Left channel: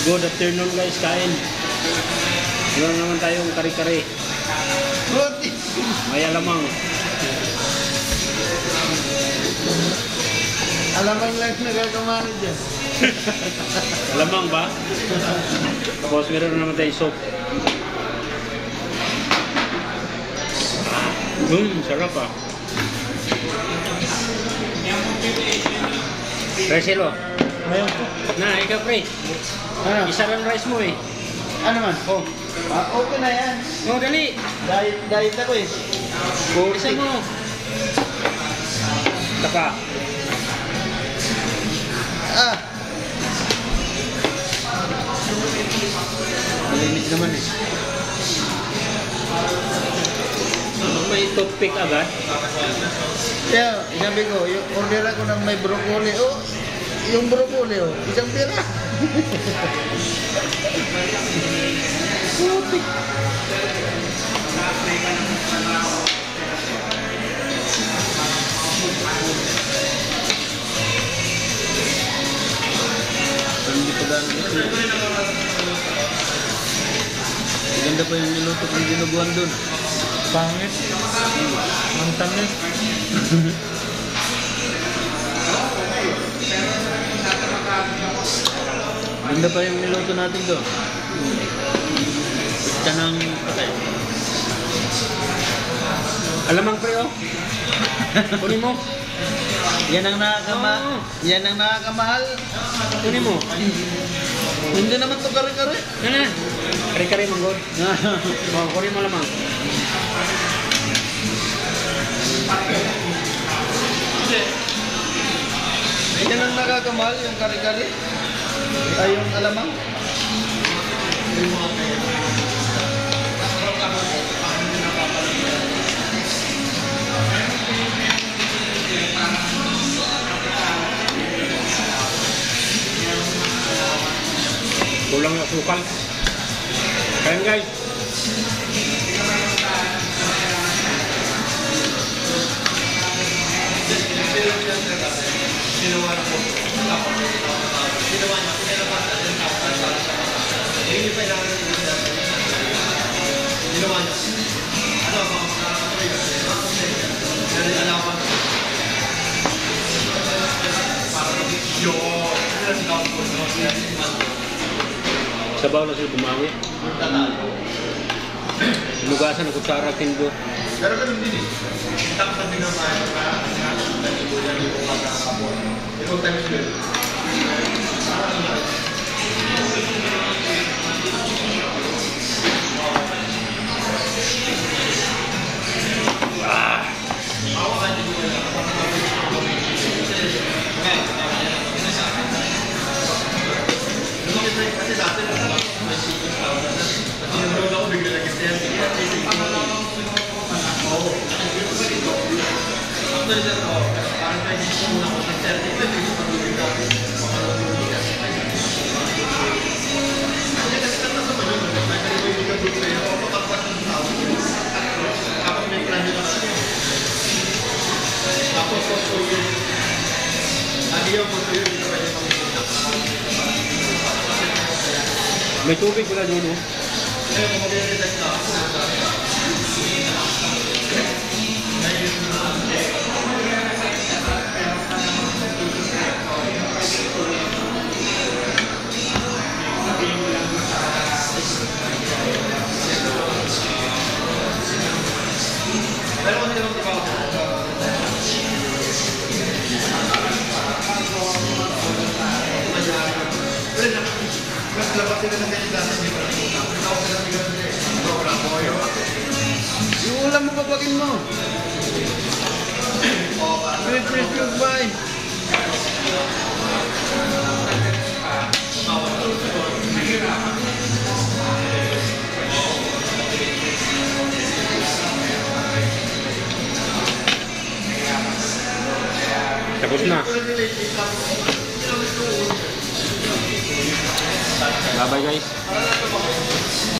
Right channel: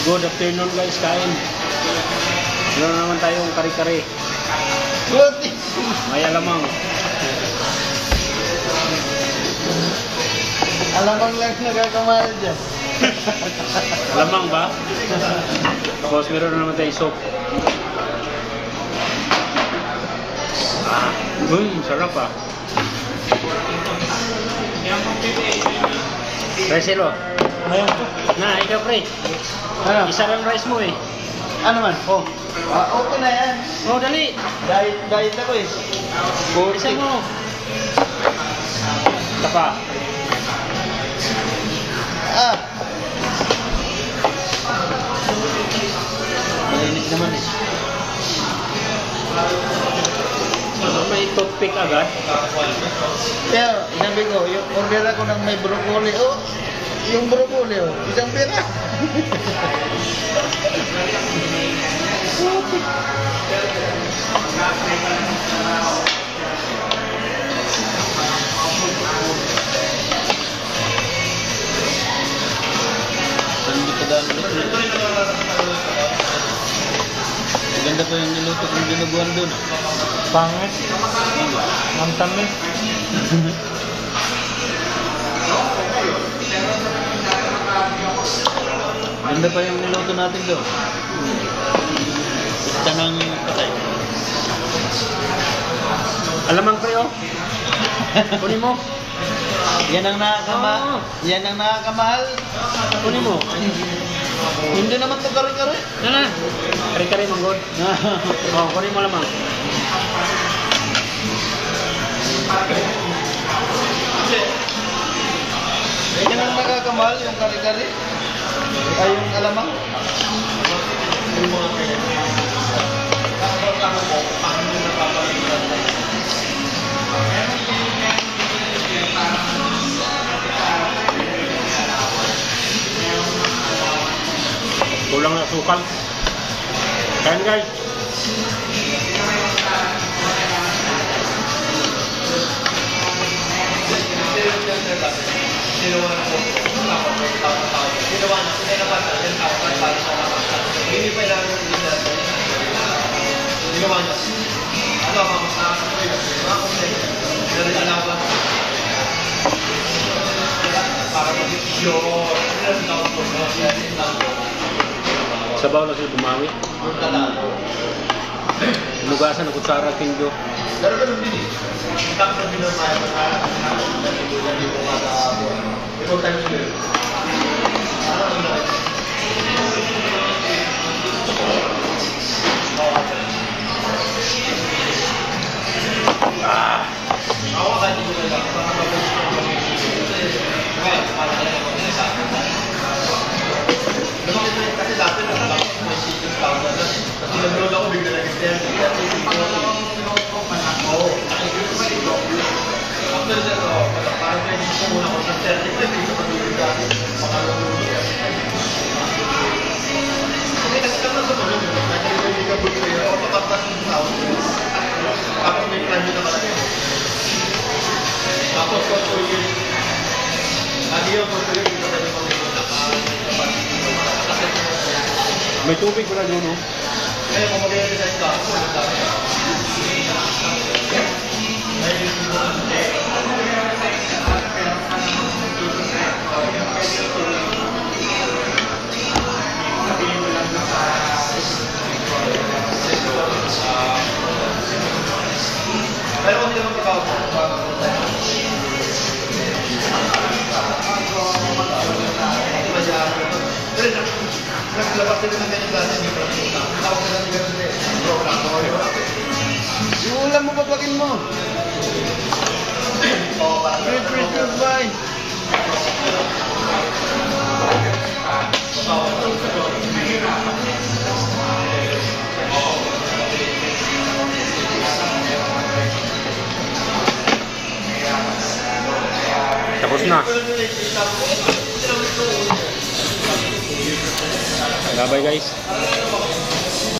Good afternoon guys, kain. Meron naman tayong kare-kare. Good. May alamang. Alamang lang nagkakamali dyan. Alamang ba? Tapos meron naman tayong soup. Sarap ah. Reselo. Ayan po. Na, ikaw pre. Ano? Isa lang rice mo eh. Ano man? Oh. Okay na yan. Oh, dali. Diet ako eh. Isa mo. Tapa. Ah. Malinit naman eh. May toothpick agad. Kaya, sabi ko, yung order ako ng may broccoli. Oh, yung broccoli oh. Isang pira. Hindi ka dami kasi. Maganda pa yung niluto kong dinuguan doon. Pangit. Ang tamis. Ganda pa yung niluto natin doon. Ito nang patay. Alamang pre oh. Kunin mo. Yan ang nakakama. Yan ang nakakamahal. Kunin mo. Hindi naman ito kare-kare. Kare-kare manggod. Oh, kunin mo alamang. Yan ang nakakamahal, yung kare-kare. Ay, yung alamang. Kulang na sukal. Kain guys. Sabaw lang siya bumawi. Nugasan ng kutsara kinggo. May tubig pala doon, no? Yung ulam mo, babagin mo. Sweet, sweet, sweet, fine. Tapos na. Bye-bye guys.